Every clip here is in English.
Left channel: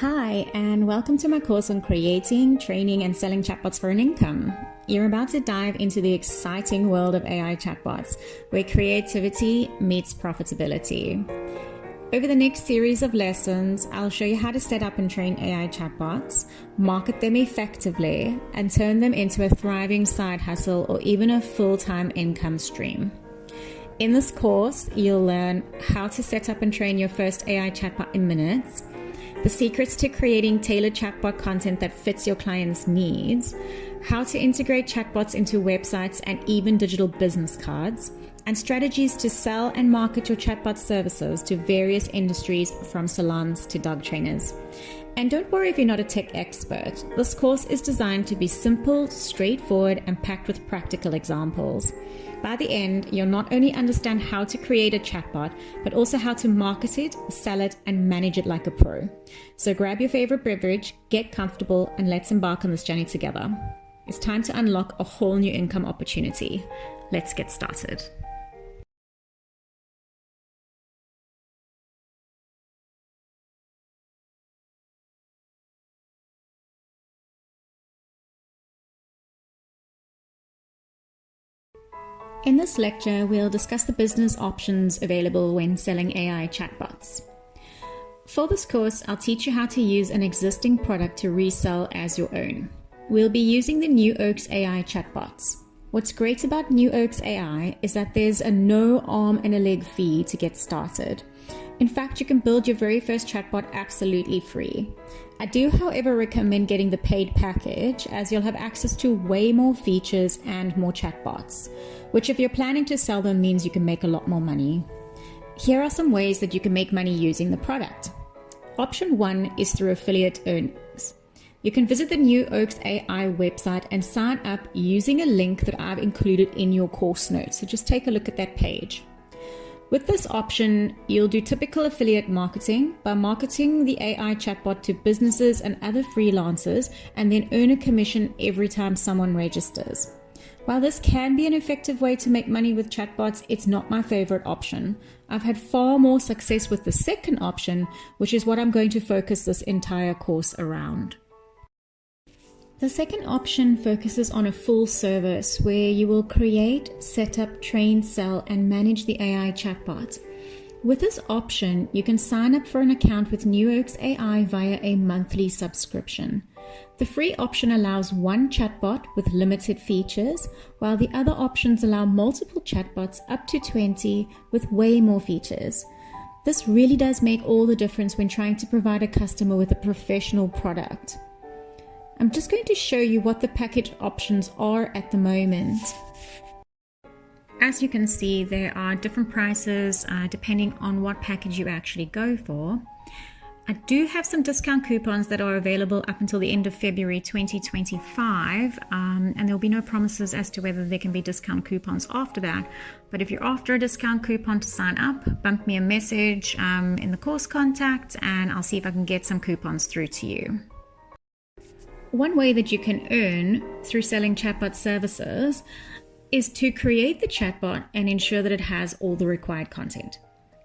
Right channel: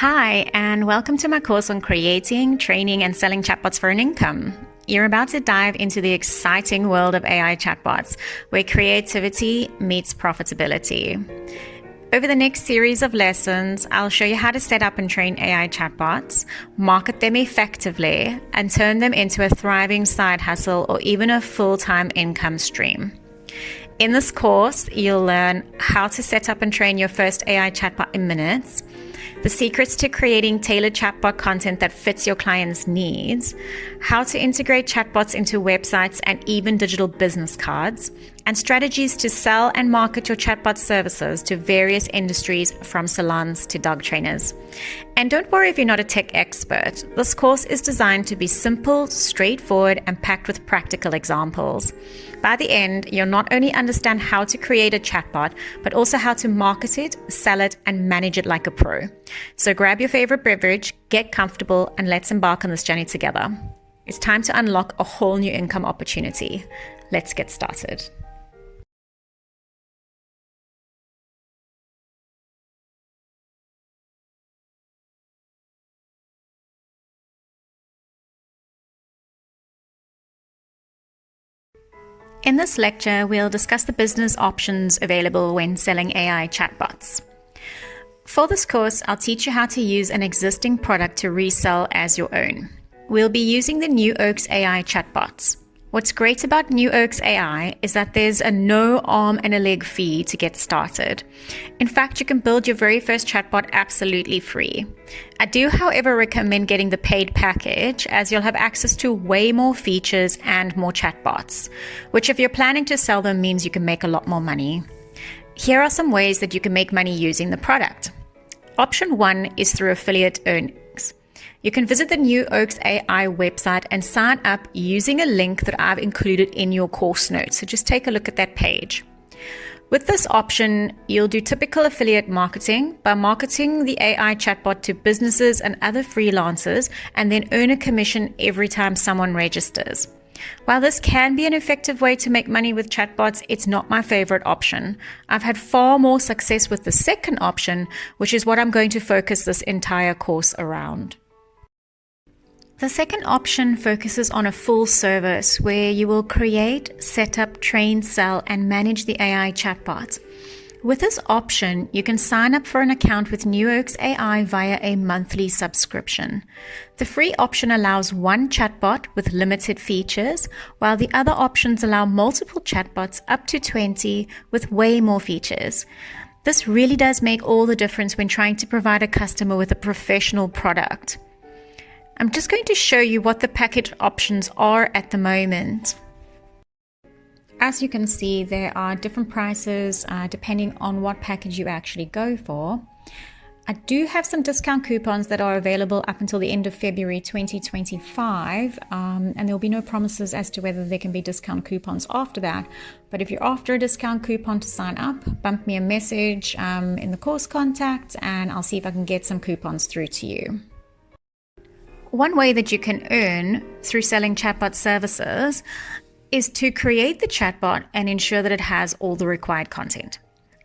Hi, and welcome to my course on creating, training, and selling chatbots for an income. You're about to dive into the exciting world of AI chatbots, where creativity meets profitability. Over the next series of lessons, I'll show you how to set up and train AI chatbots, market them effectively, and turn them into a thriving side hustle or even a full-time income stream. In this course, you'll learn how to set up and train your first AI chatbot in minutes, the secrets to creating tailored chatbot content that fits your clients' needs, how to integrate chatbots into websites and even digital business cards, and strategies to sell and market your chatbot services to various industries from salons to dog trainers. And don't worry if you're not a tech expert. This course is designed to be simple, straightforward, and packed with practical examples. By the end, you'll not only understand how to create a chatbot, but also how to market it, sell it, and manage it like a pro. So grab your favorite beverage, get comfortable, and let's embark on this journey together. It's time to unlock a whole new income opportunity. Let's get started. In this lecture, we'll discuss the business options available when selling AI chatbots. For this course, I'll teach you how to use an existing product to resell as your own. We'll be using the New Oaks AI chatbots. What's great about New Oaks AI is that there's a no arm and a leg fee to get started. In fact, you can build your very first chatbot absolutely free. I do, however, recommend getting the paid package, as you'll have access to way more features and more chatbots, which if you're planning to sell them means you can make a lot more money. Here are some ways that you can make money using the product. Option 1 is through affiliate earnings. You can visit the New Oaks AI website and sign up using a link that I've included in your course notes. So just take a look at that page. With this option, you'll do typical affiliate marketing by marketing the AI chatbot to businesses and other freelancers, and then earn a commission every time someone registers. While this can be an effective way to make money with chatbots, it's not my favorite option. I've had far more success with the second option, which is what I'm going to focus this entire course around. The second option focuses on a full service where you will create, set up, train, sell, and manage the AI chatbot. With this option, you can sign up for an account with New Oaks AI via a monthly subscription. The free option allows one chatbot with limited features, while the other options allow multiple chatbots up to 20 with way more features. This really does make all the difference when trying to provide a customer with a professional product. I'm just going to show you what the package options are at the moment. As you can see, there are different prices depending on what package you actually go for. I do have some discount coupons that are available up until the end of February 2025, and there'll be no promises as to whether there can be discount coupons after that. But if you're after a discount coupon to sign up, bump me a message in the course contact, and I'll see if I can get some coupons through to you. One way that you can earn through selling chatbot services is to create the chatbot and ensure that it has all the required content.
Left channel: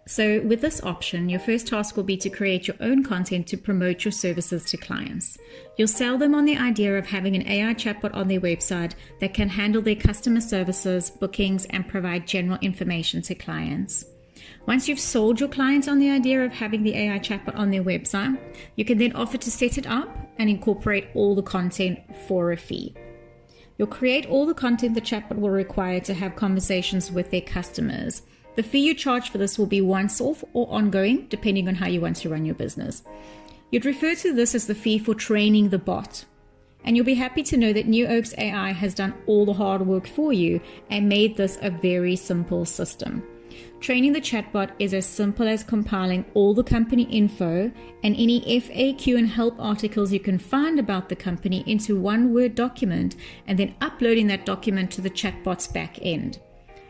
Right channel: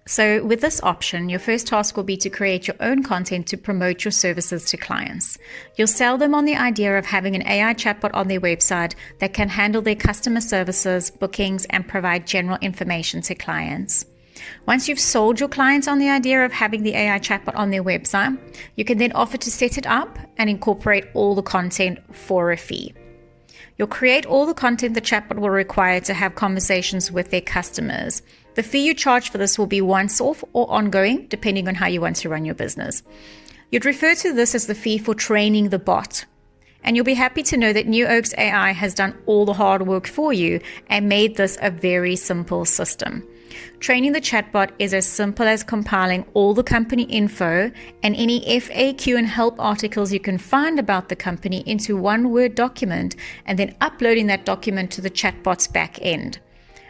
So with this option, your first task will be to create your own content to promote your services to clients. You'll sell them on the idea of having an AI chatbot on their website that can handle their customer services, bookings, and provide general information to clients. Once you've sold your clients on the idea of having the AI chatbot on their website, you can then offer to set it up and incorporate all the content for a fee. You'll create all the content the chatbot will require to have conversations with their customers. The fee you charge for this will be once-off or ongoing, depending on how you want to run your business. You'd refer to this as the fee for training the bot. And you'll be happy to know that New Oaks AI has done all the hard work for you and made this a very simple system. Training the chatbot is as simple as compiling all the company info and any FAQ and help articles you can find about the company into one Word document and then uploading that document to the chatbot's back end.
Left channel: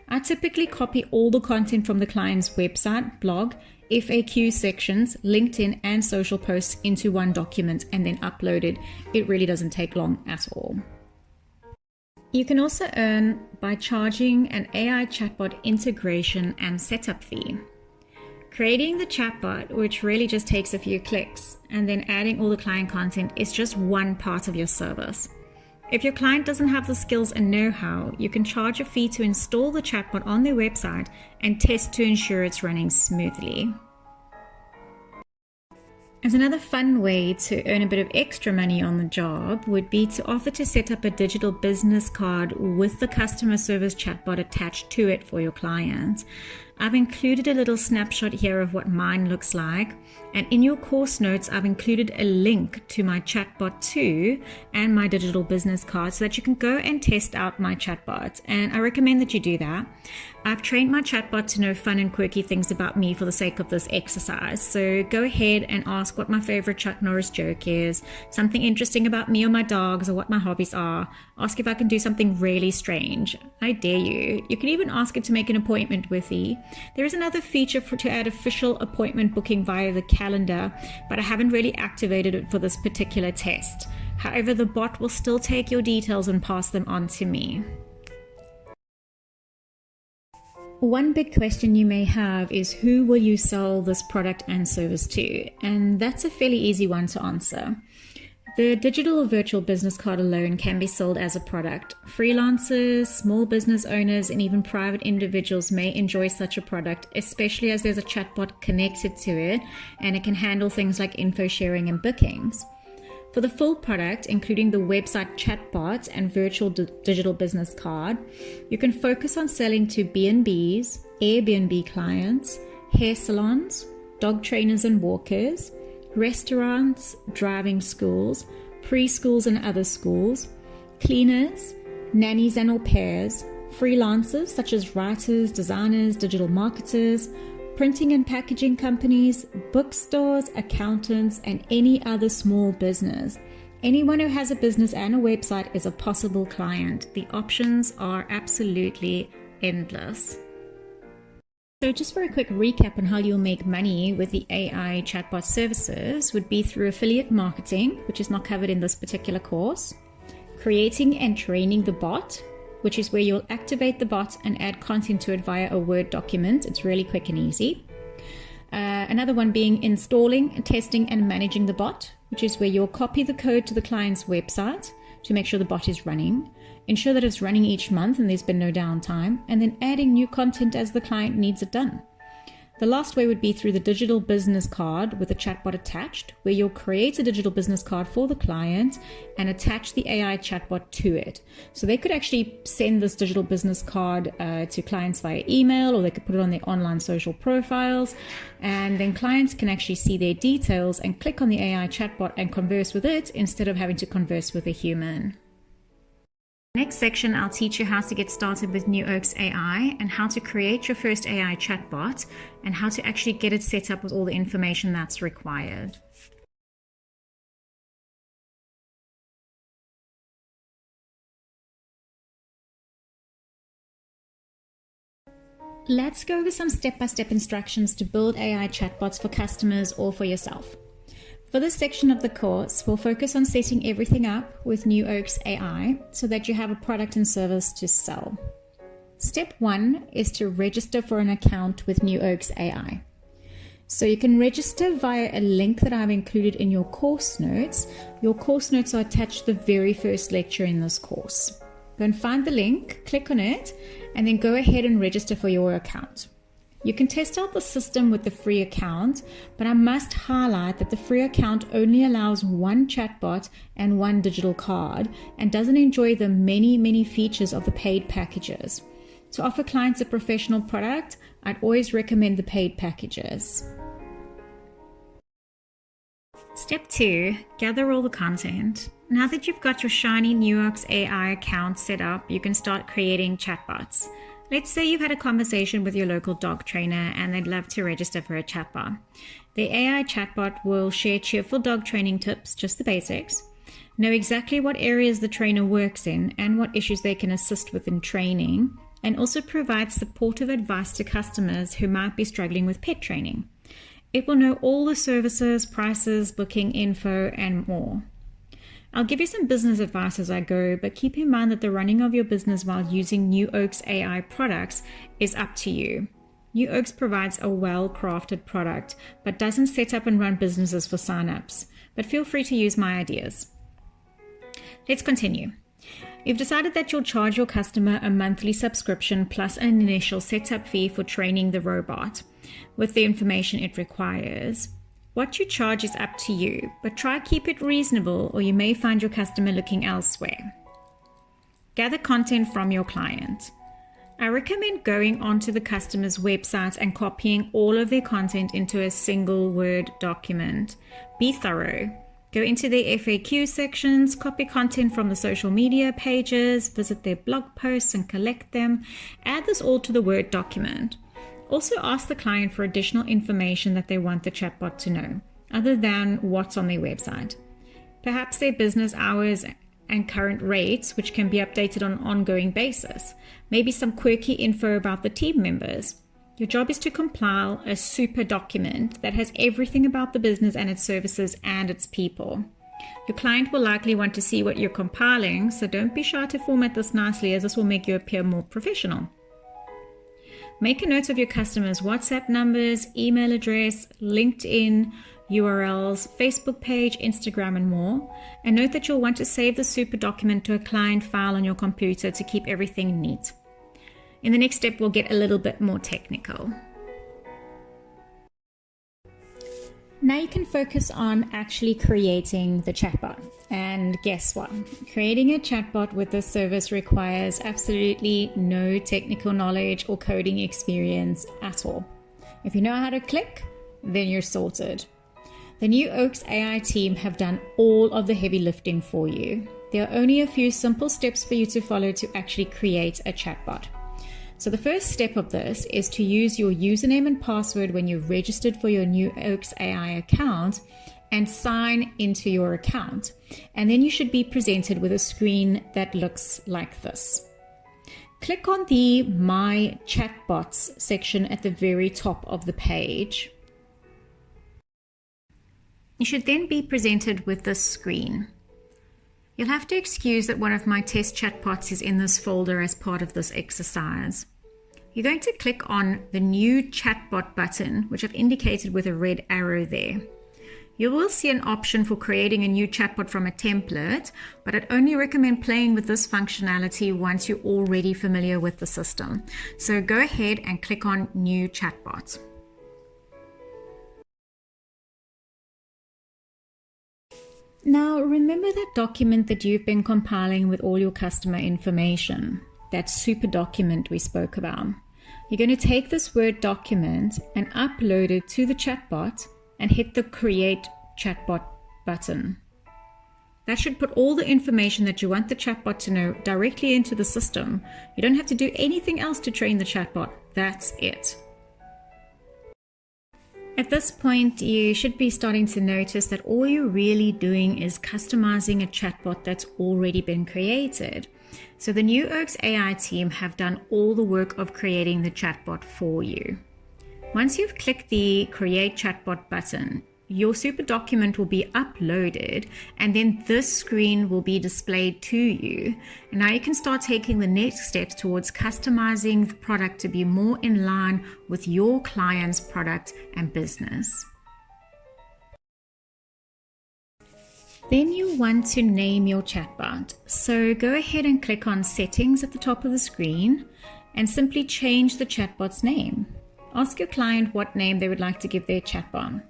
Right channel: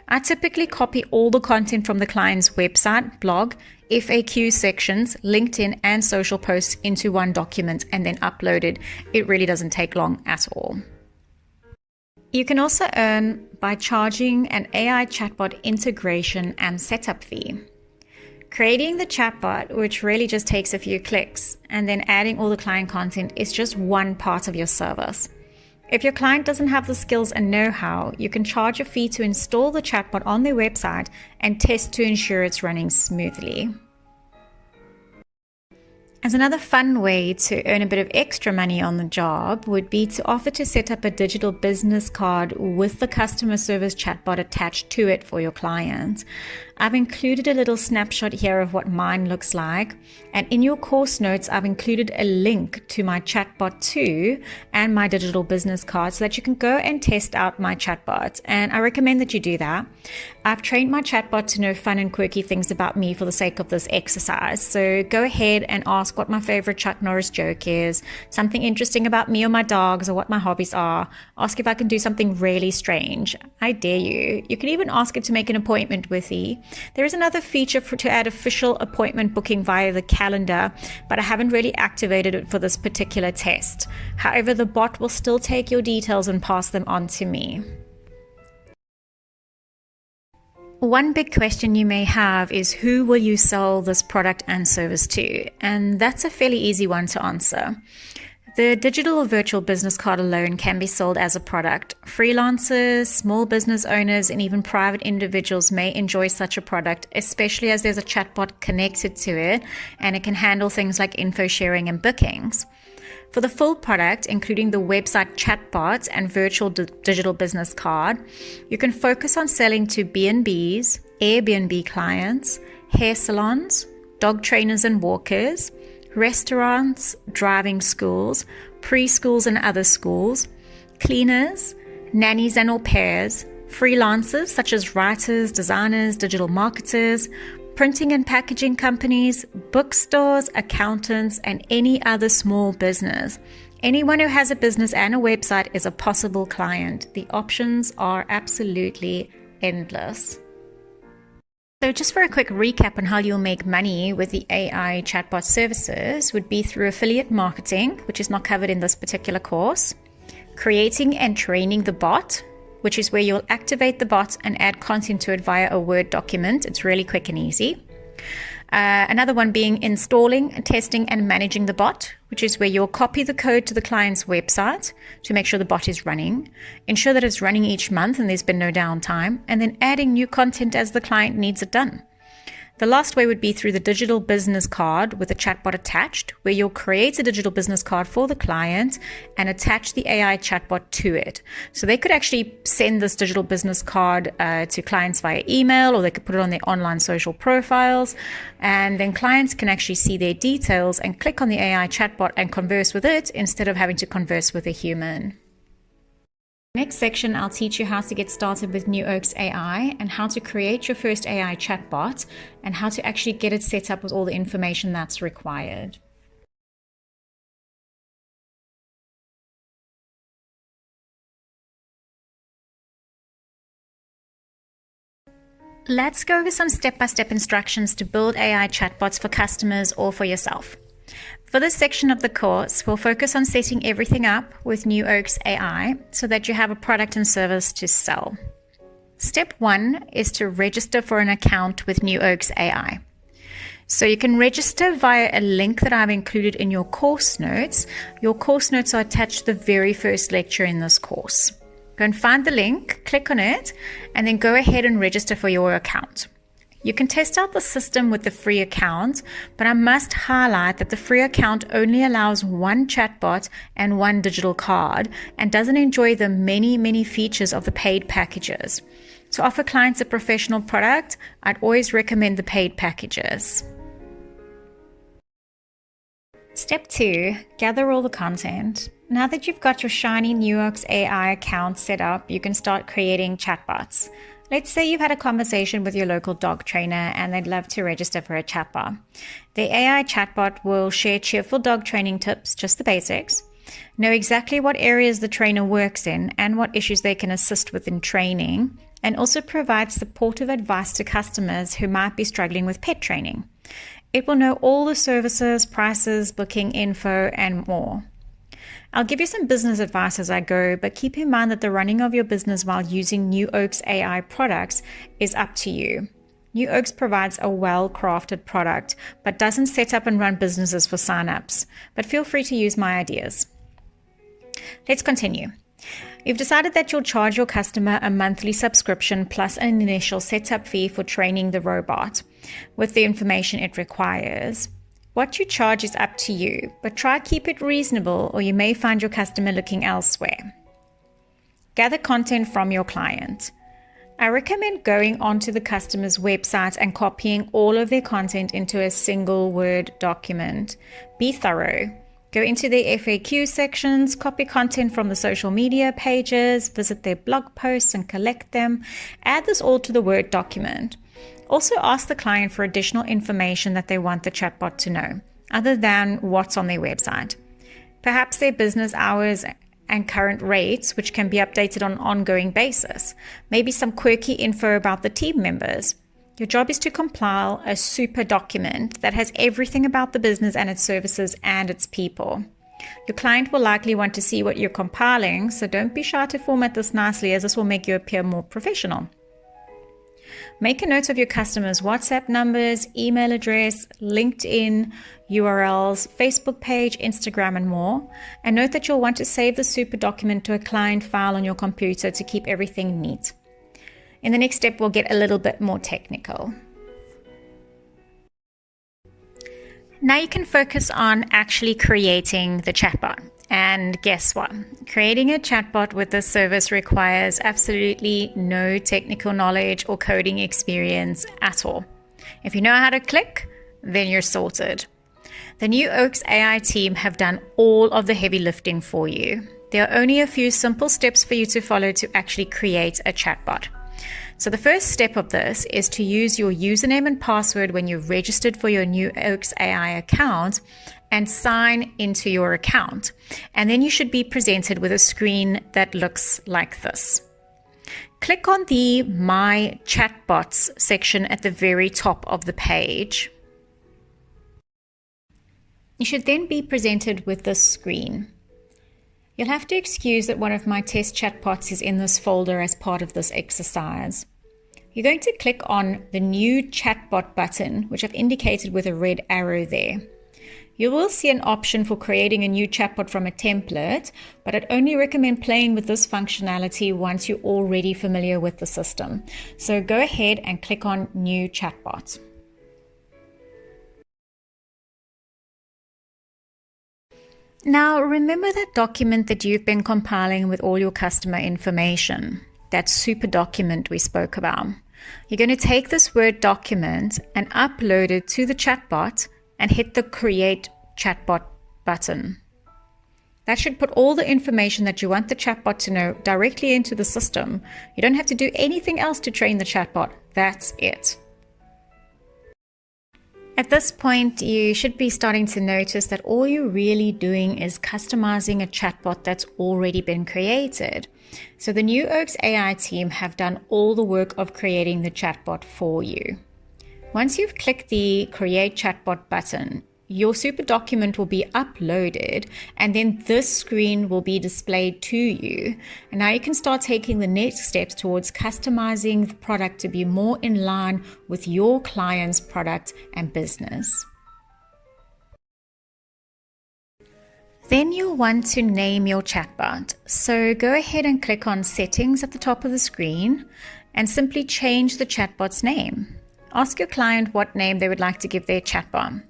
I typically copy all the content from the client's website, blog, FAQ sections, LinkedIn, and social posts into one document and then upload it. It really doesn't take long at all. You can also earn by charging an AI chatbot integration and setup fee. Creating the chatbot, which really just takes a few clicks, and then adding all the client content is just one part of your service. If your client doesn't have the skills and know-how, you can charge a fee to install the chatbot on their website and test to ensure it's running smoothly. As another fun way to earn a bit of extra money on the job would be to offer to set up a digital business card with the customer service chatbot attached to it for your client. I've included a little snapshot here of what mine looks like, and in your course notes I've included a link to my chatbot 2 and my digital business card so that you can go and test out my chatbot, and I recommend that you do that. I've trained my chatbot to know fun and quirky things about me for the sake of this exercise, so go ahead and ask what my favorite Chuck Norris joke is, something interesting about me or my dogs, or what my hobbies are. Ask if I can do something really strange. I dare you. You can even ask it to make an appointment with me. There is another feature to add official appointment booking via the calendar, but I haven't really activated it for this particular test. However, the bot will still take your details and pass them on to me. One big question you may have is, who will you sell this product and service to? And that's a fairly easy one to answer. The digital or virtual business card alone can be sold as a product. Freelancers, small business owners, and even private individuals may enjoy such a product, especially as there's a chatbot connected to it and it can handle things like info sharing and bookings. For the full product, including the website chatbots and virtual digital business card, you can focus on selling to B&Bs, Airbnb clients, hair salons, dog trainers and walkers, restaurants, driving schools, preschools and other schools, cleaners, nannies and au pairs, freelancers such as writers, designers, digital marketers, printing and packaging companies, bookstores, accountants, and any other small business. Anyone who has a business and a website is a possible client. The options are absolutely endless. So just for a quick recap on how you'll make money with the AI chatbot services would be through affiliate marketing, which is not covered in this particular course, creating and training the bot, which is where you'll activate the bot and add content to it via a Word document. It's really quick and easy. Another one being installing, testing, and managing the bot, which is where you'll copy the code to the client's website to make sure the bot is running, ensure that it's running each month and there's been no downtime, and then adding new content as the client needs it done. The last way would be through the digital business card with a chatbot attached, where you'll create a digital business card for the client and attach the AI chatbot to it. So they could actually send this digital business card to clients via email, or they could put it on their online social profiles, and then clients can actually see their details and click on the AI chatbot and converse with it instead of having to converse with a human. Next section, I'll teach you how to get started with New Oaks AI and how to create your first AI chatbot and how to actually get it set up with all the information that's required. Let's go over some step-by-step instructions to build AI chatbots for customers or for yourself. For this section of the course, we'll focus on setting everything up with New Oaks AI so that you have a product and service to sell. Step 1 is to register for an account with New Oaks AI. So you can register via a link that I've included in your course notes. Your course notes are attached to the very first lecture in this course. Go and find the link, click on it, and then go ahead and register for your account. You can test out the system with the free account, but I must highlight that the free account only allows one chatbot and one digital card and doesn't enjoy the many features of the paid packages. To offer clients a professional product, I'd always recommend the paid packages. Step 2, gather all the content. Now that you've got your shiny New Oaks AI account set up, you can start creating chatbots. Let's say you've had a conversation with your local dog trainer and they'd love to register for a chatbot. The AI chatbot will share cheerful dog training tips, just the basics, know exactly what areas the trainer works in and what issues they can assist with in training, and also provide supportive advice to customers who might be struggling with pet training. It will know all the services, prices, booking info, and more. I'll give you some business advice as I go, but keep in mind that the running of your business while using New Oaks AI products is up to you. New Oaks provides a well-crafted product, but doesn't set up and run businesses for sign-ups. But feel free to use my ideas. Let's continue. You've decided that you'll charge your customer a monthly subscription plus an initial setup fee for training the robot with the information it requires. What you charge is up to you, but try keep it reasonable or you may find your customer looking elsewhere. Gather content from your client. I recommend going onto the customer's website and copying all of their content into a single Word document. Be thorough. Go into their FAQ sections, copy content from the social media pages, visit their blog posts and collect them. Add this all to the Word document. Also ask the client for additional information that they want the chatbot to know, other than what's on their website. Perhaps their business hours and current rates, which can be updated on an ongoing basis. Maybe some quirky info about the team members. Your job is to compile a super document that has everything about the business and its services and its people. Your client will likely want to see what you're compiling, so don't be shy to format this nicely, as this will make you appear more professional. Make a note of your customers' WhatsApp numbers, email address, LinkedIn, URLs, Facebook page, Instagram, and more. And note that you'll want to save the super document to a client file on your computer to keep everything neat. In the next step, we'll get a little bit more technical. Now you can focus on actually creating the chatbot. And guess what? Creating a chatbot with this service requires absolutely no technical knowledge or coding experience at all. If you know how to click, then you're sorted. The New Oaks AI team have done all of the heavy lifting for you. There are only a few simple steps for you to follow to actually create a chatbot. So the first step of this is to use your username and password when you've registered for your New Oaks AI account and sign into your account. And then you should be presented with a screen that looks like this. Click on the My Chatbots section at the very top of the page. You should then be presented with this screen. You'll have to excuse that one of my test chatbots is in this folder as part of this exercise. You're going to click on the New Chatbot button, which I've indicated with a red arrow there. You will see an option for creating a new chatbot from a template, but I'd only recommend playing with this functionality once you're already familiar with the system. So go ahead and click on New Chatbot. Now, remember that document that you've been compiling with all your customer information, that super document we spoke about. You're going to take this Word document and upload it to the chatbot and hit the Create Chatbot button. That should put all the information that you want the chatbot to know directly into the system. You don't have to do anything else to train the chatbot. That's it. At this point, you should be starting to notice that all you're really doing is customizing a chatbot that's already been created. So the New Oaks AI team have done all the work of creating the chatbot for you. Once you've clicked the Create Chatbot button, your super document will be uploaded and then this screen will be displayed to you. And now you can start taking the next steps towards customizing the product to be more in line with your client's product and business. Then you'll want to name your chatbot. So go ahead and click on Settings at the top of the screen and simply change the chatbot's name. Ask your client what name they would like to give their chatbot.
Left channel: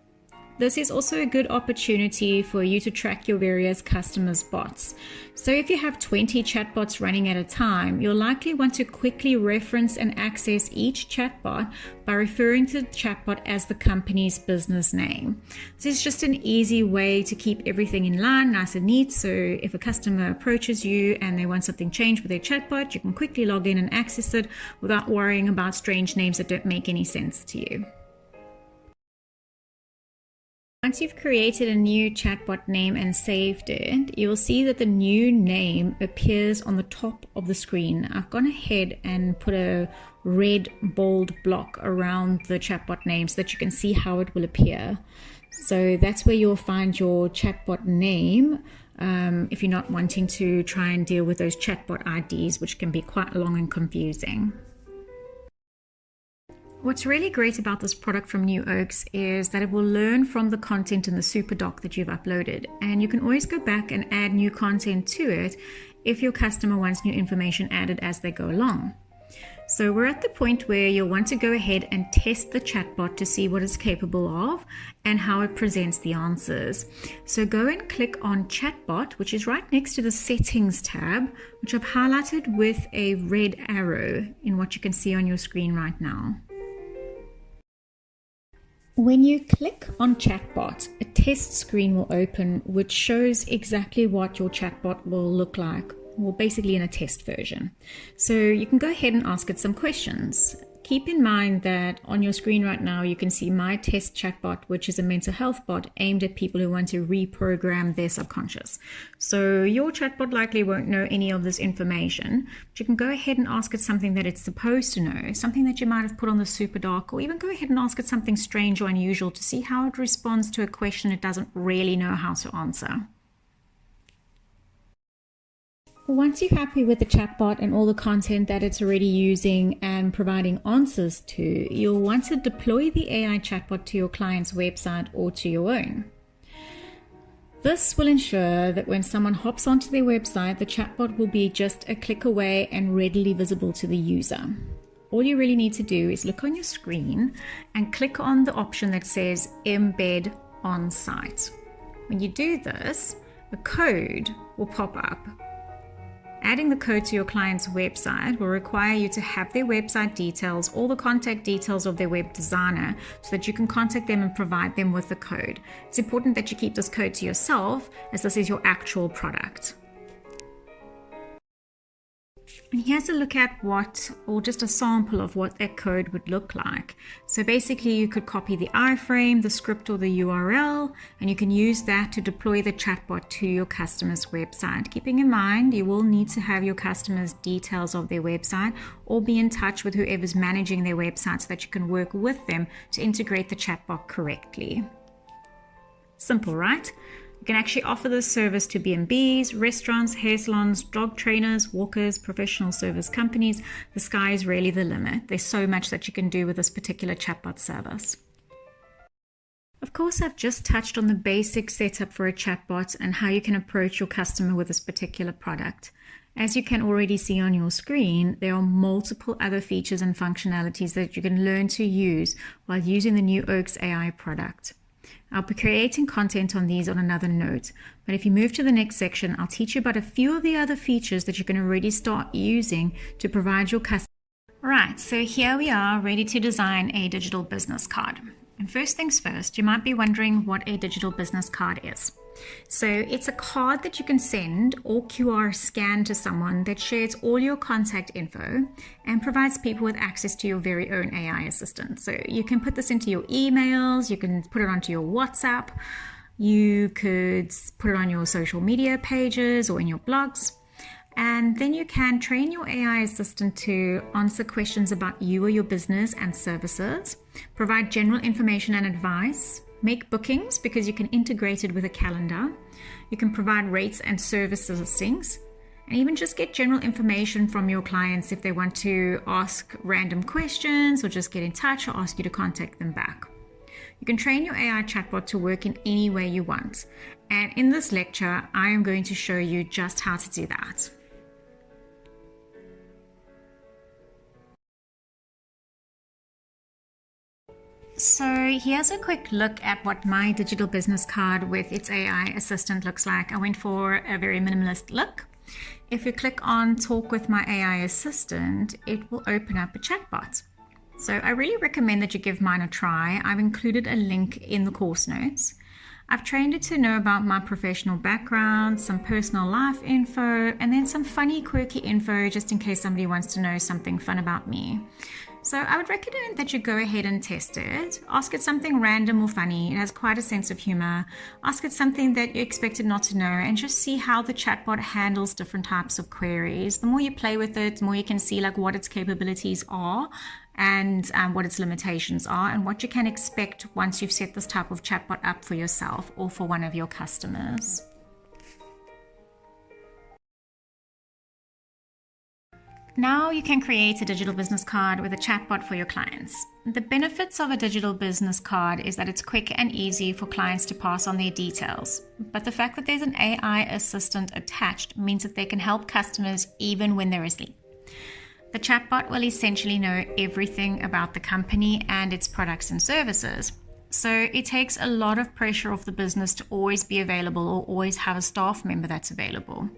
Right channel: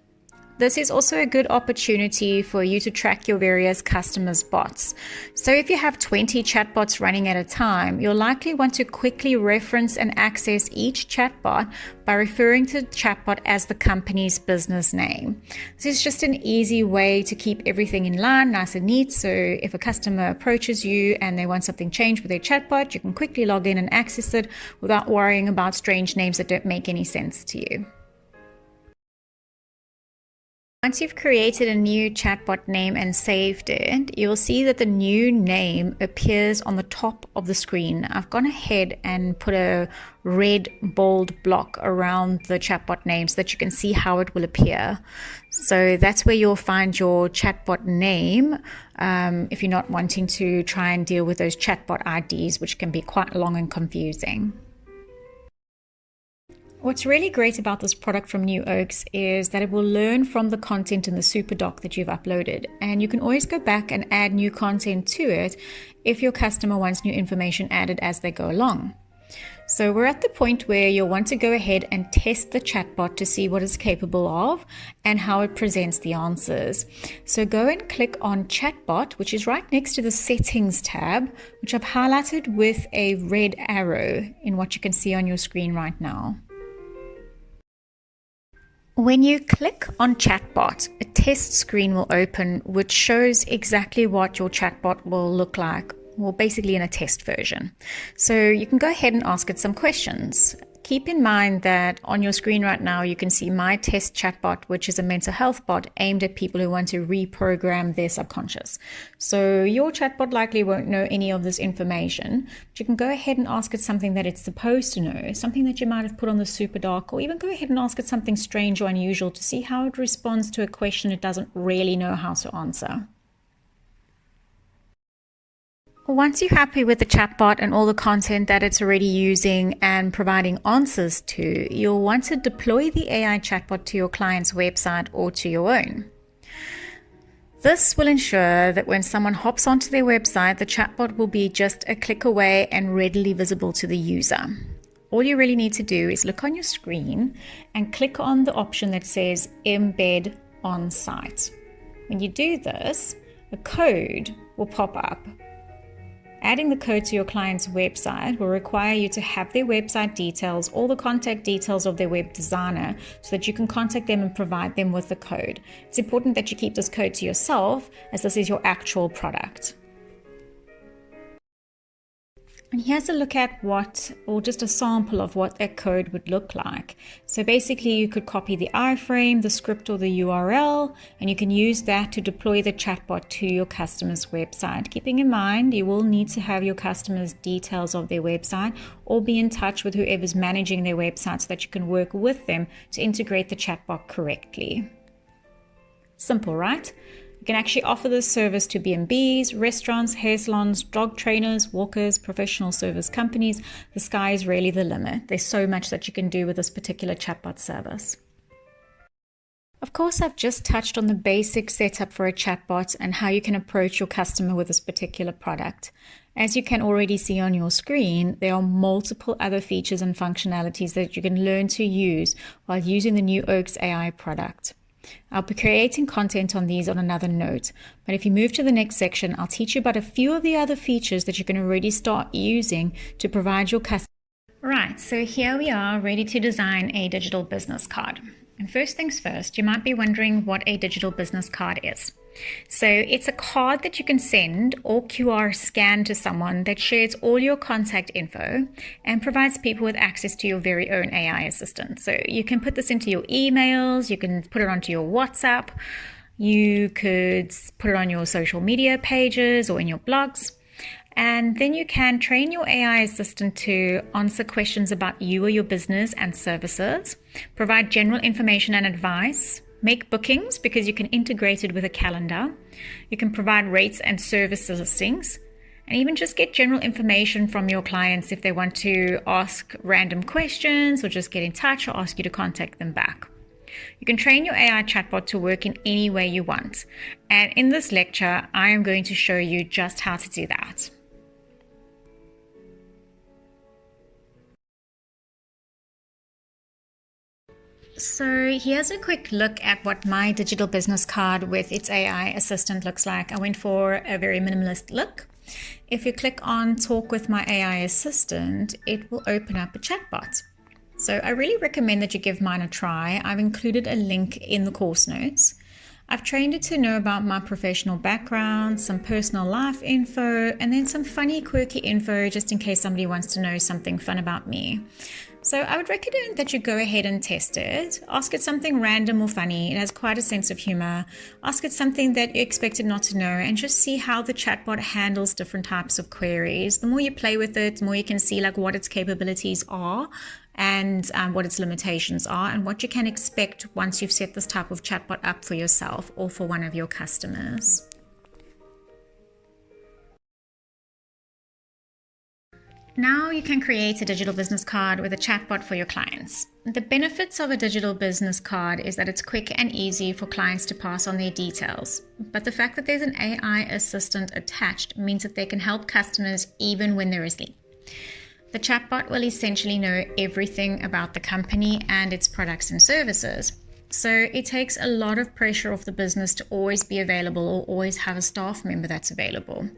This is also a good opportunity for you to track your various customers' bots. So if you have 20 chatbots running at a time, you'll likely want to quickly reference and access each chatbot by referring to the chatbot as the company's business name. This is just an easy way to keep everything in line, nice and neat. So if a customer approaches you and they want something changed with their chatbot, you can quickly log in and access it without worrying about strange names that don't make any sense to you. Once you've created a new chatbot name and saved it, you'll see that the new name appears on the top of the screen. I've gone ahead and put a red bold block around the chatbot name so that you can see how it will appear. So that's where you'll find your chatbot name if you're not wanting to try and deal with those chatbot IDs, which can be quite long and confusing. What's really great about this product from New Oaks is that it will learn from the content in the super doc that you've uploaded, and you can always go back and add new content to it if your customer wants new information added as they go along. So we're at the point where you'll want to go ahead and test the chatbot to see what it's capable of and how it presents the answers. So go and click on Chatbot, which is right next to the Settings tab, which I've highlighted with a red arrow in what you can see on your screen right now. When you click on Chatbot, a test screen will open which shows exactly what your chatbot will look like. Well, basically in a test version. So you can go ahead and ask it some questions. Keep in mind that on your screen right now, you can see my test chatbot, which is a mental health bot aimed at people who want to reprogram their subconscious. So your chatbot likely won't know any of this information, but you can go ahead and ask it something that it's supposed to know, something that you might have put on the super doc, or even go ahead and ask it something strange or unusual to see how it responds to a question it doesn't really know how to answer. Once you're happy with the chatbot and all the content that it's already using and providing answers to, you'll want to deploy the AI chatbot to your client's website or to your own. This will ensure that when someone hops onto their website, the chatbot will be just a click away and readily visible to the user. All you really need to do is look on your screen and click on the option that says Embed on Site. When you do this, a code will pop up. Adding the code to your client's website will require you to have their website details, all the contact details of their web designer, so that you can contact them and provide them with the code. It's important that you keep this code to yourself, as this is your actual product. And here's a look at just a sample of what that code would look like. So basically you could copy the iframe, the script or the URL, and you can use that to deploy the chatbot to your customer's website. Keeping in mind, you will need to have your customer's details of their website or be in touch with whoever's managing their website so that you can work with them to integrate the chatbot correctly. Simple, right? You can actually offer this service to B&Bs, restaurants, hair salons, dog trainers, walkers, professional service companies. The sky is really the limit. There's so much that you can do with this particular chatbot service. Of course, I've just touched on the basic setup for a chatbot and how you can approach your customer with this particular product. As you can already see on your screen, there are multiple other features and functionalities that you can learn to use while using the New Oaks AI product. I'll be creating content on these on another note, but if you move to the next section, I'll teach you about a few of the other features that you can already start using to provide your customer. Right, so here we are ready to design a digital business card. And first things first, you might be wondering what a digital business card is. So it's a card that you can send or QR scan to someone that shares all your contact info and provides people with access to your very own AI assistant. So you can put this into your emails, you can put it onto your WhatsApp, you could put it on your social media pages or in your blogs. And then you can train your AI assistant to answer questions about you or your business and services, provide general information and advice, make bookings because you can integrate it with a calendar. You can provide rates and service listings, and even just get general information from your clients if they want to ask random questions or just get in touch or ask you to contact them back. You can train your AI chatbot to work in any way you want. And in this lecture, I am going to show you just how to do that. So here's a quick look at what my digital business card with its AI assistant looks like. I went for a very minimalist look. If you click on Talk with my AI assistant, it will open up a chatbot. So I really recommend that you give mine a try. I've included a link in the course notes. I've trained it to know about my professional background, some personal life info, and then some funny, quirky info just in case somebody wants to know something fun about me. So I would recommend that you go ahead and test it. Ask it something random or funny. It has quite a sense of humor. Ask it something that you expected not to know and just see how the chatbot handles different types of queries. The more you play with it, the more you can see like what its capabilities are and what its limitations are and what you can expect once you've set this type of chatbot up for yourself or for one of your customers. Now you can create a digital business card with a chatbot for your clients. The benefits of a digital business card is that it's quick and easy for clients to pass on their details. But the fact that there's an AI assistant attached means that they can help customers even when they're asleep. The chatbot will essentially know everything about the company and its products and services. So it takes a lot of pressure off the business to always be available or always have a staff member that's available.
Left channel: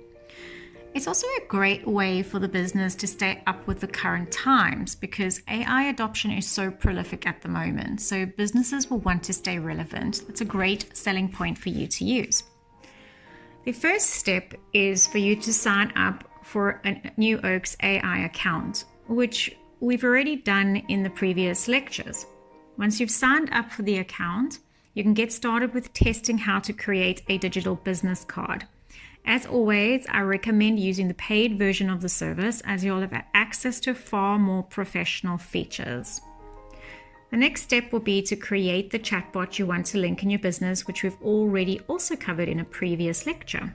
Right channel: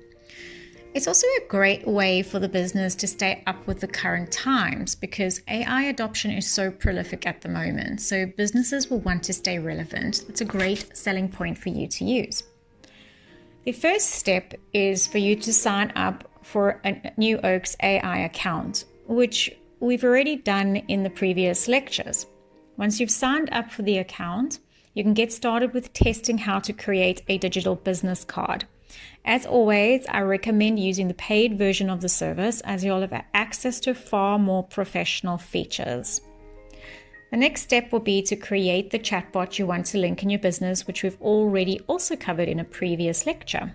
It's also a great way for the business to stay up with the current times because AI adoption is so prolific at the moment. So businesses will want to stay relevant. That's a great selling point for you to use. The first step is for you to sign up for a New Oaks AI account, which we've already done in the previous lectures. Once you've signed up for the account, you can get started with testing how to create a digital business card. As always, I recommend using the paid version of the service as you'll have access to far more professional features. The next step will be to create the chatbot you want to link in your business, which we've already also covered in a previous lecture.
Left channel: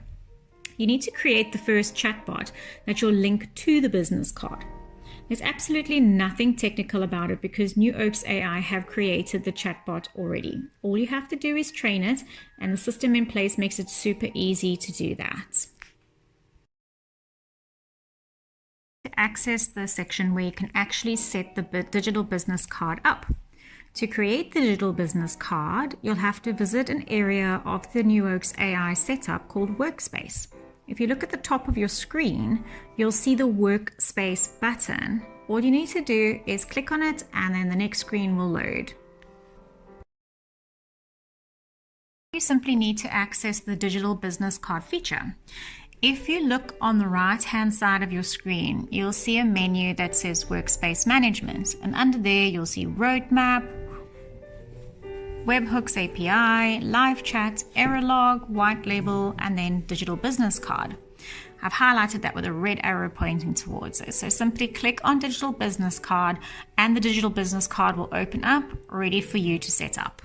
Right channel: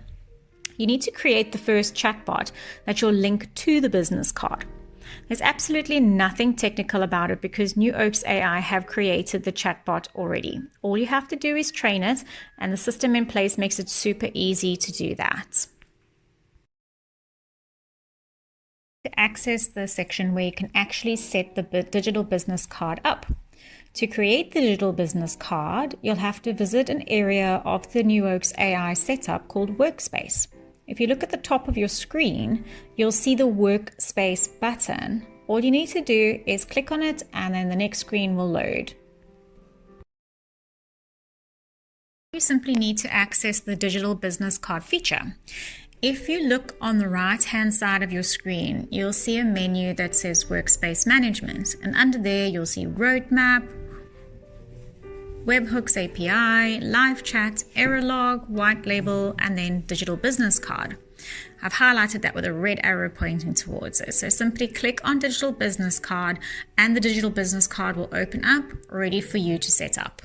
You need to create the first chatbot that you'll link to the business card. There's absolutely nothing technical about it because New Oaks AI have created the chatbot already. All you have to do is train it, and the system in place makes it super easy to do that. To access the section where you can actually set the digital business card up. To create the digital business card, you'll have to visit an area of the New Oaks AI setup called Workspace. If you look at the top of your screen, you'll see the Workspace button. All you need to do is click on it and then the next screen will load. You simply need to access the digital business card feature. If you look on the right-hand side of your screen, you'll see a menu that says Workspace Management, and under there you'll see Roadmap, Webhooks API, Live Chat, Error Log, White Label, and then Digital Business Card. I've highlighted that with a red arrow pointing towards it. So simply click on Digital Business Card and the Digital Business Card will open up, ready for you to set up.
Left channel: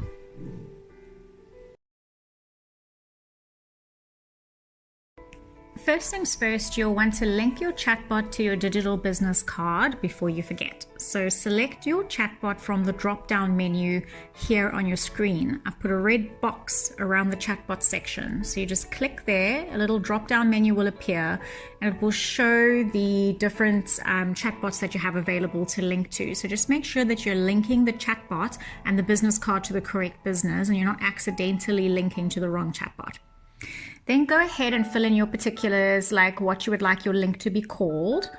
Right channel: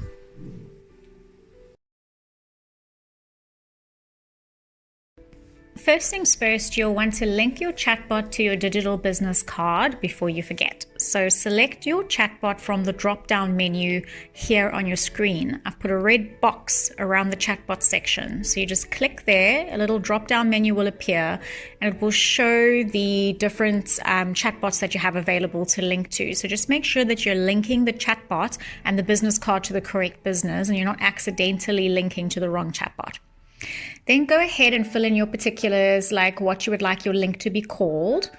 First things first, you'll want to link your chatbot to your digital business card before you forget. So select your chatbot from the drop-down menu here on your screen. I've put a red box around the chatbot section. So you just click there, a little drop-down menu will appear, and it will show the different chatbots that you have available to link to. So just make sure that you're linking the chatbot and the business card to the correct business and you're not accidentally linking to the wrong chatbot. Then go ahead and fill in your particulars, like what you would like your link to be called.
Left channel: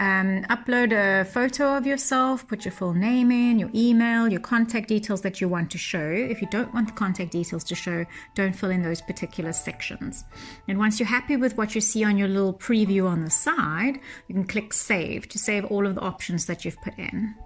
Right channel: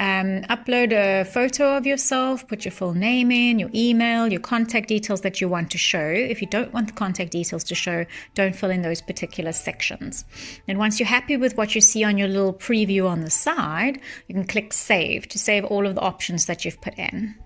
Upload a photo of yourself, put your full name in, your email, your contact details that you want to show. If you don't want the contact details to show, don't fill in those particular sections. And once you're happy with what you see on your little preview on the side, you can click Save to save all of the options that you've put in.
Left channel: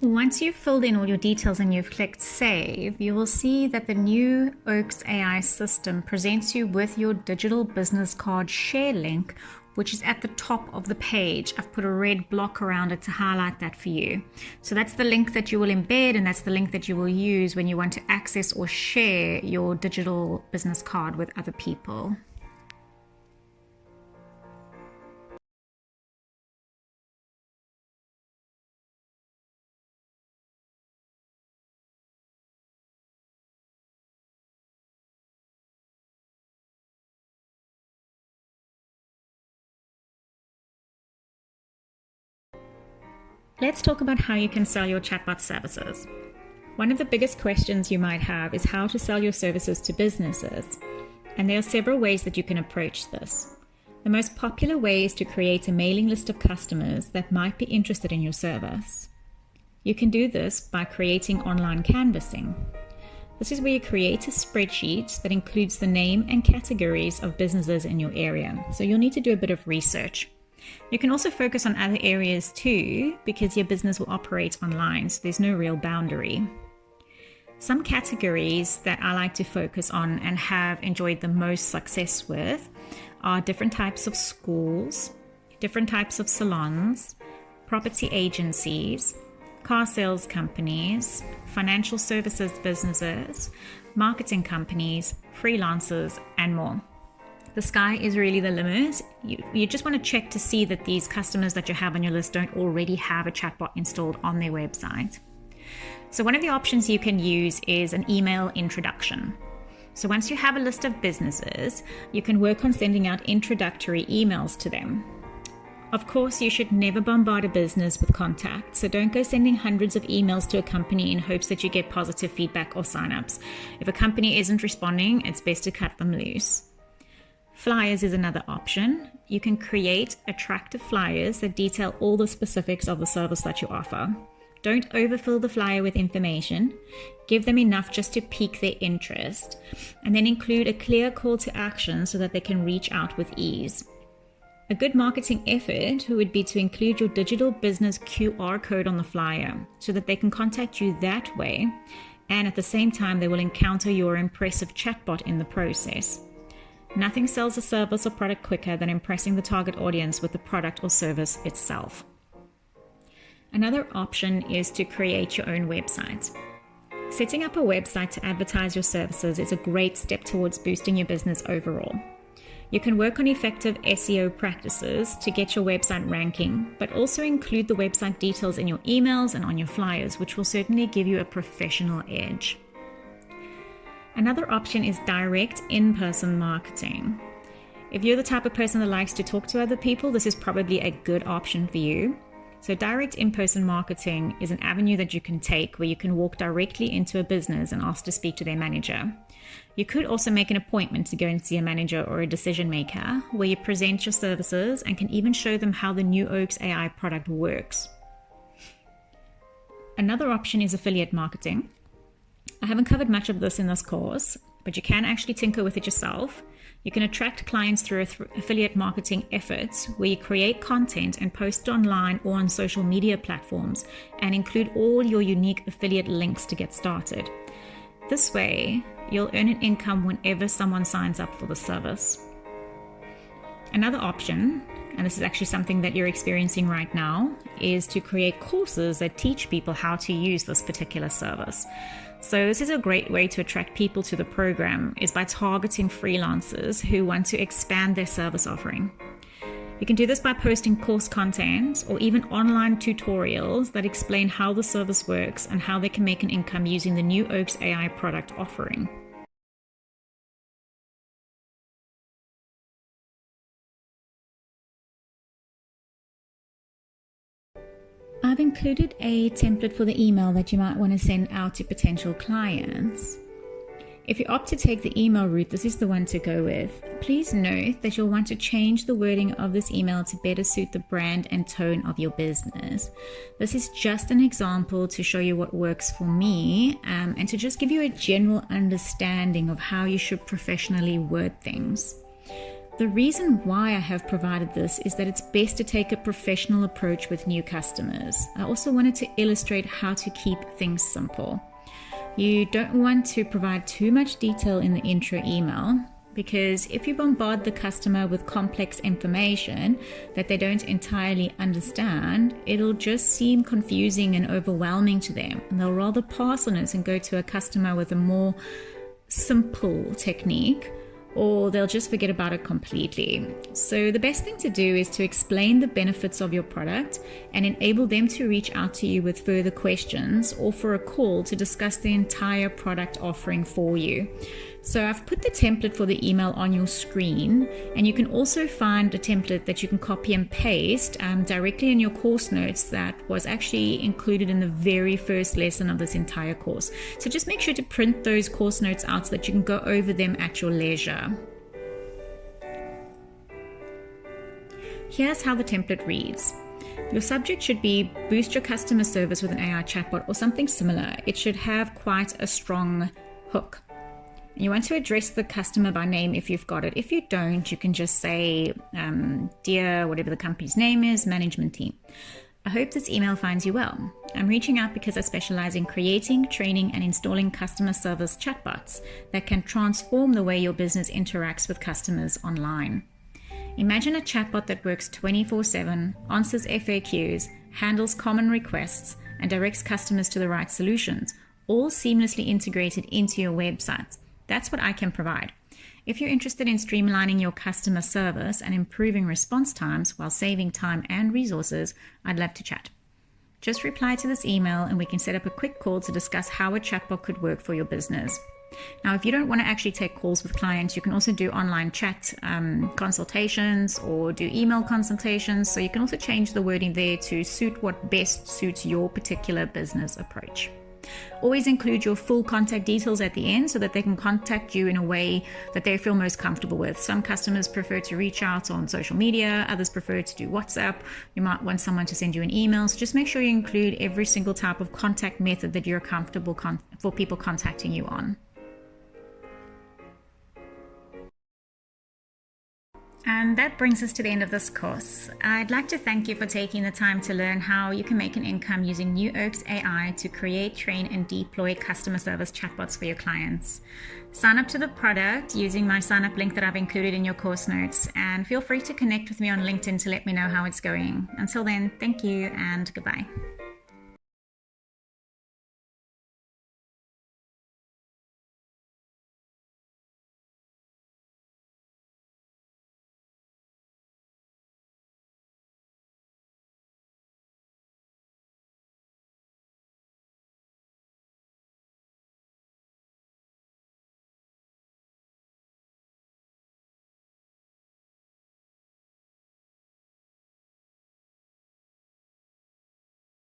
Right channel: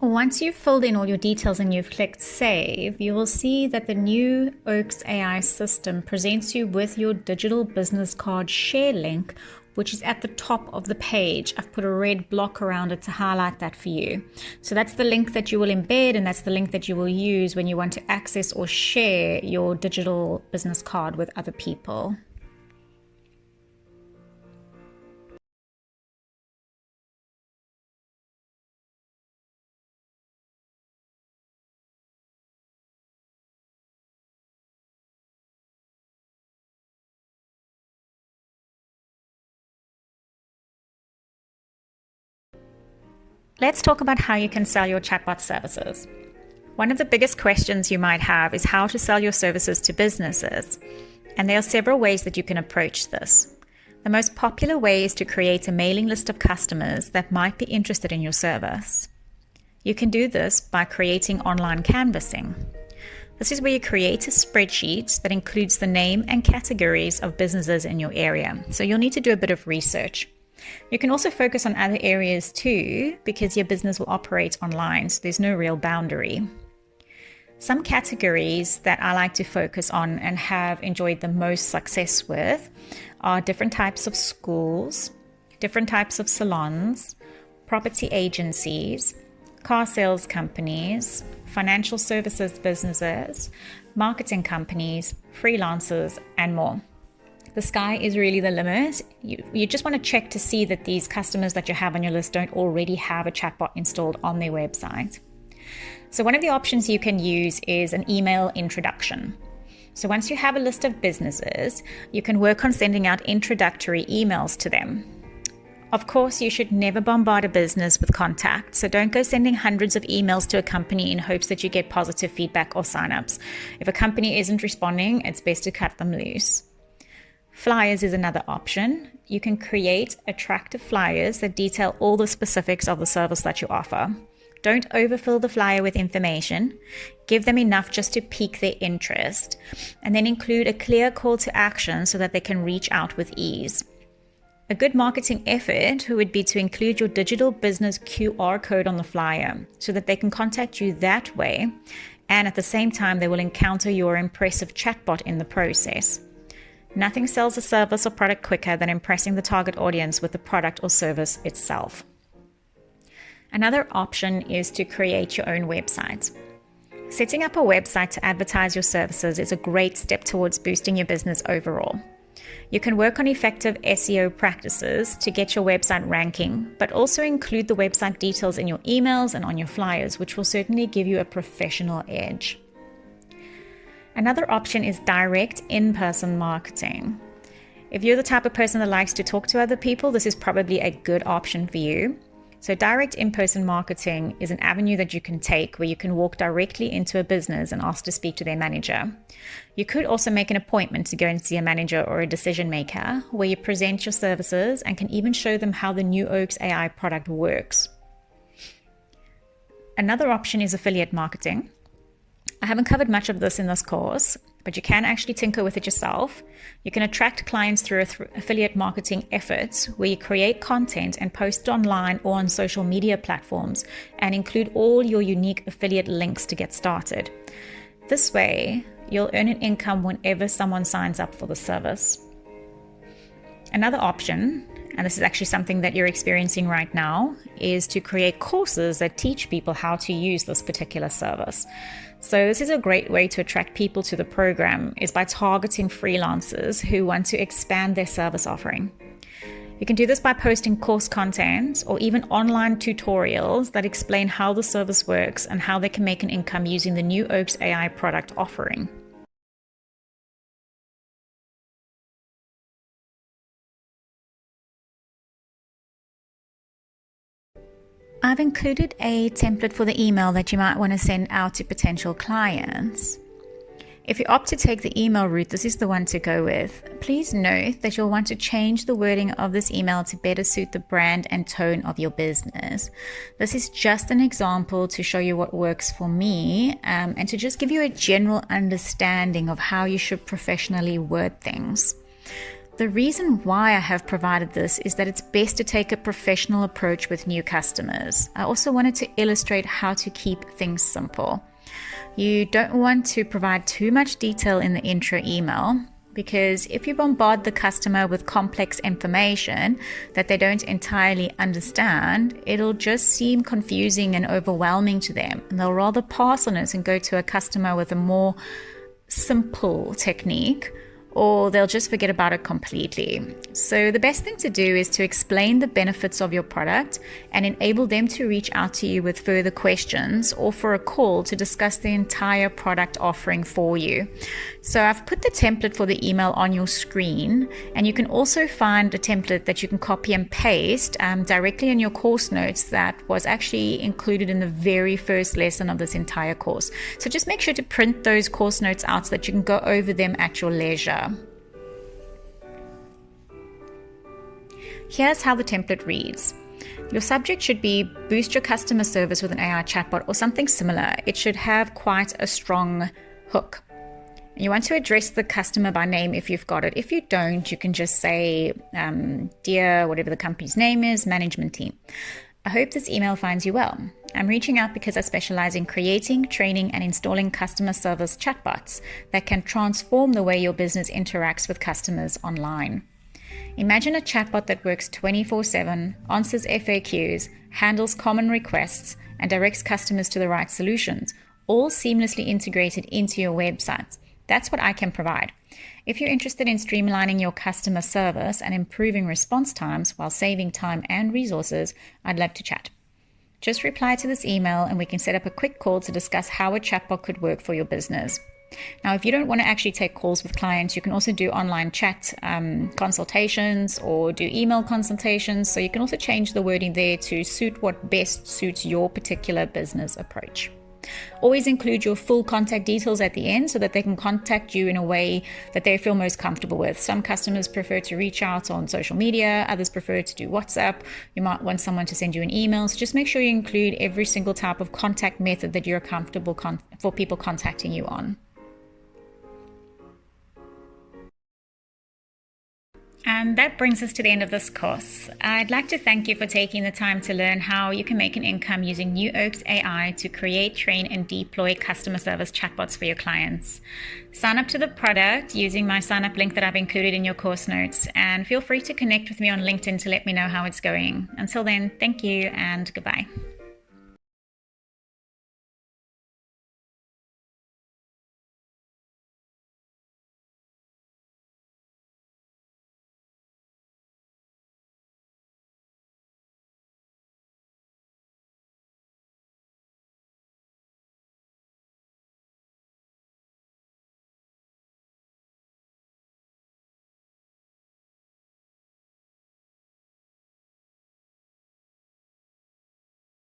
Once you've filled in all your details and you've clicked Save, you will see that the New Oaks AI system presents you with your digital business card share link, which is at the top of the page. I've put a red block around it to highlight that for you. So that's the link that you will embed, and that's the link that you will use when you want to access or share your digital business card with other people. Let's talk about how you can sell your chatbot services. One of the biggest questions you might have is how to sell your services to businesses. And there are several ways that you can approach this. The most popular way is to create a mailing list of customers that might be interested in your service. You can do this by creating online canvassing. This is where you create a spreadsheet that includes the name and categories of businesses in your area. So you'll need to do a bit of research. You can also focus on other areas too, because your business will operate online, so there's no real boundary. Some categories that I like to focus on and have enjoyed the most success with are different types of schools, different types of salons, property agencies, car sales companies, financial services businesses, marketing companies, freelancers, and more. The sky is really the limit. You just want to check to see that these customers that you have on your list don't already have a chatbot installed on their website. So one of the options you can use is an email introduction. So once you have a list of businesses, you can work on sending out introductory emails to them. Of course, you should never bombard a business with contacts, so don't go sending hundreds of emails to a company in hopes that you get positive feedback or signups. If a company isn't responding, it's best to cut them loose. Flyers is another option. You can create attractive flyers that detail all the specifics of the service that you offer. Don't overfill the flyer with information. Give them enough just to pique their interest, and then include a clear call to action so that they can reach out with ease. A good marketing effort would be to include your digital business QR code on the flyer so that they can contact you that way, and at the same time, they will encounter your impressive chatbot in the process. Nothing sells a service or product quicker than impressing the target audience with the product or service itself. Another option is to create your own website. Setting up a website to advertise your services is a great step towards boosting your business overall. You can work on effective SEO practices to get your website ranking, but also include the website details in your emails and on your flyers, which will certainly give you a professional edge. Another option is direct in-person marketing. If you're the type of person that likes to talk to other people, this is probably a good option for you. So direct in-person marketing is an avenue that you can take where you can walk directly into a business and ask to speak to their manager. You could also make an appointment to go and see a manager or a decision maker where you present your services and can even show them how the New Oaks AI product works. Another option is affiliate marketing. I haven't covered much of this in this course, but you can actually tinker with it yourself. You can attract clients through affiliate marketing efforts where you create content and post it online or on social media platforms and include all your unique affiliate links to get started. This way, you'll earn an income whenever someone signs up for the service. Another option, and this is actually something that you're experiencing right now, is to create courses that teach people how to use this particular service. So this is a great way to attract people to the program, is by targeting freelancers who want to expand their service offering. You can do this by posting course content or even online tutorials that explain how the service works and how they can make an income using the New Oaks AI product offering. I've included a template for the email that you might want to send out to potential clients. If you opt to take the email route, this is the one to go with. Please note that you'll want to change the wording of this email to better suit the brand and tone of your business. This is just an example to show you what works for me and to just give you a general understanding of how you should professionally word things. The reason why I have provided this is that it's best to take a professional approach with new customers. I also wanted to illustrate how to keep things simple. You don't want to provide too much detail in the intro email, because if you bombard the customer with complex information that they don't entirely understand, it'll just seem confusing and overwhelming to them. And they'll rather pass on it and go to a customer with a more simple technique, or they'll just forget about it completely. So the best thing to do is to explain the benefits of your product and enable them to reach out to you with further questions or for a call to discuss the entire product offering for you. So I've put the template for the email on your screen, and you can also find a template that you can copy and paste directly in your course notes that was actually included in the very first lesson of this entire course. So just make sure to print those course notes out so that you can go over them at your leisure. Here's how the template reads. Your subject should be boost your customer service with an AI chatbot or something similar. It should have quite a strong hook. You want to address the customer by name if you've got it. If you don't, you can just say, dear, whatever the company's name is, management team. I hope this email finds you well. I'm reaching out because I specialize in creating, training, and installing customer service chatbots that can transform the way your business interacts with customers online. Imagine a chatbot that works 24/7, answers FAQs, handles common requests, and directs customers to the right solutions, all seamlessly integrated into your website. That's what I can provide. If you're interested in streamlining your customer service and improving response times while saving time and resources, I'd love to chat. Just reply to this email and we can set up a quick call to discuss how a chatbot could work for your business. Now, if you don't want to actually take calls with clients, you can also do online chat consultations or do email consultations. So you can also change the wording there to suit what best suits your particular business approach. Always include your full contact details at the end so that they can contact you in a way that they feel most comfortable with. Some customers prefer to reach out on social media, others prefer to do WhatsApp. You might want someone to send you an email. So just make sure you include every single type of contact method that you're comfortable for people contacting you on. And that brings us to the end of this course. I'd like to thank you for taking the time to learn how you can make an income using New Oak's AI to create, train, and deploy customer service chatbots for your clients. Sign up to the product using my sign up link that I've included in your course notes, and feel free to connect with me on LinkedIn to let me know how it's going. Until then, thank you and goodbye.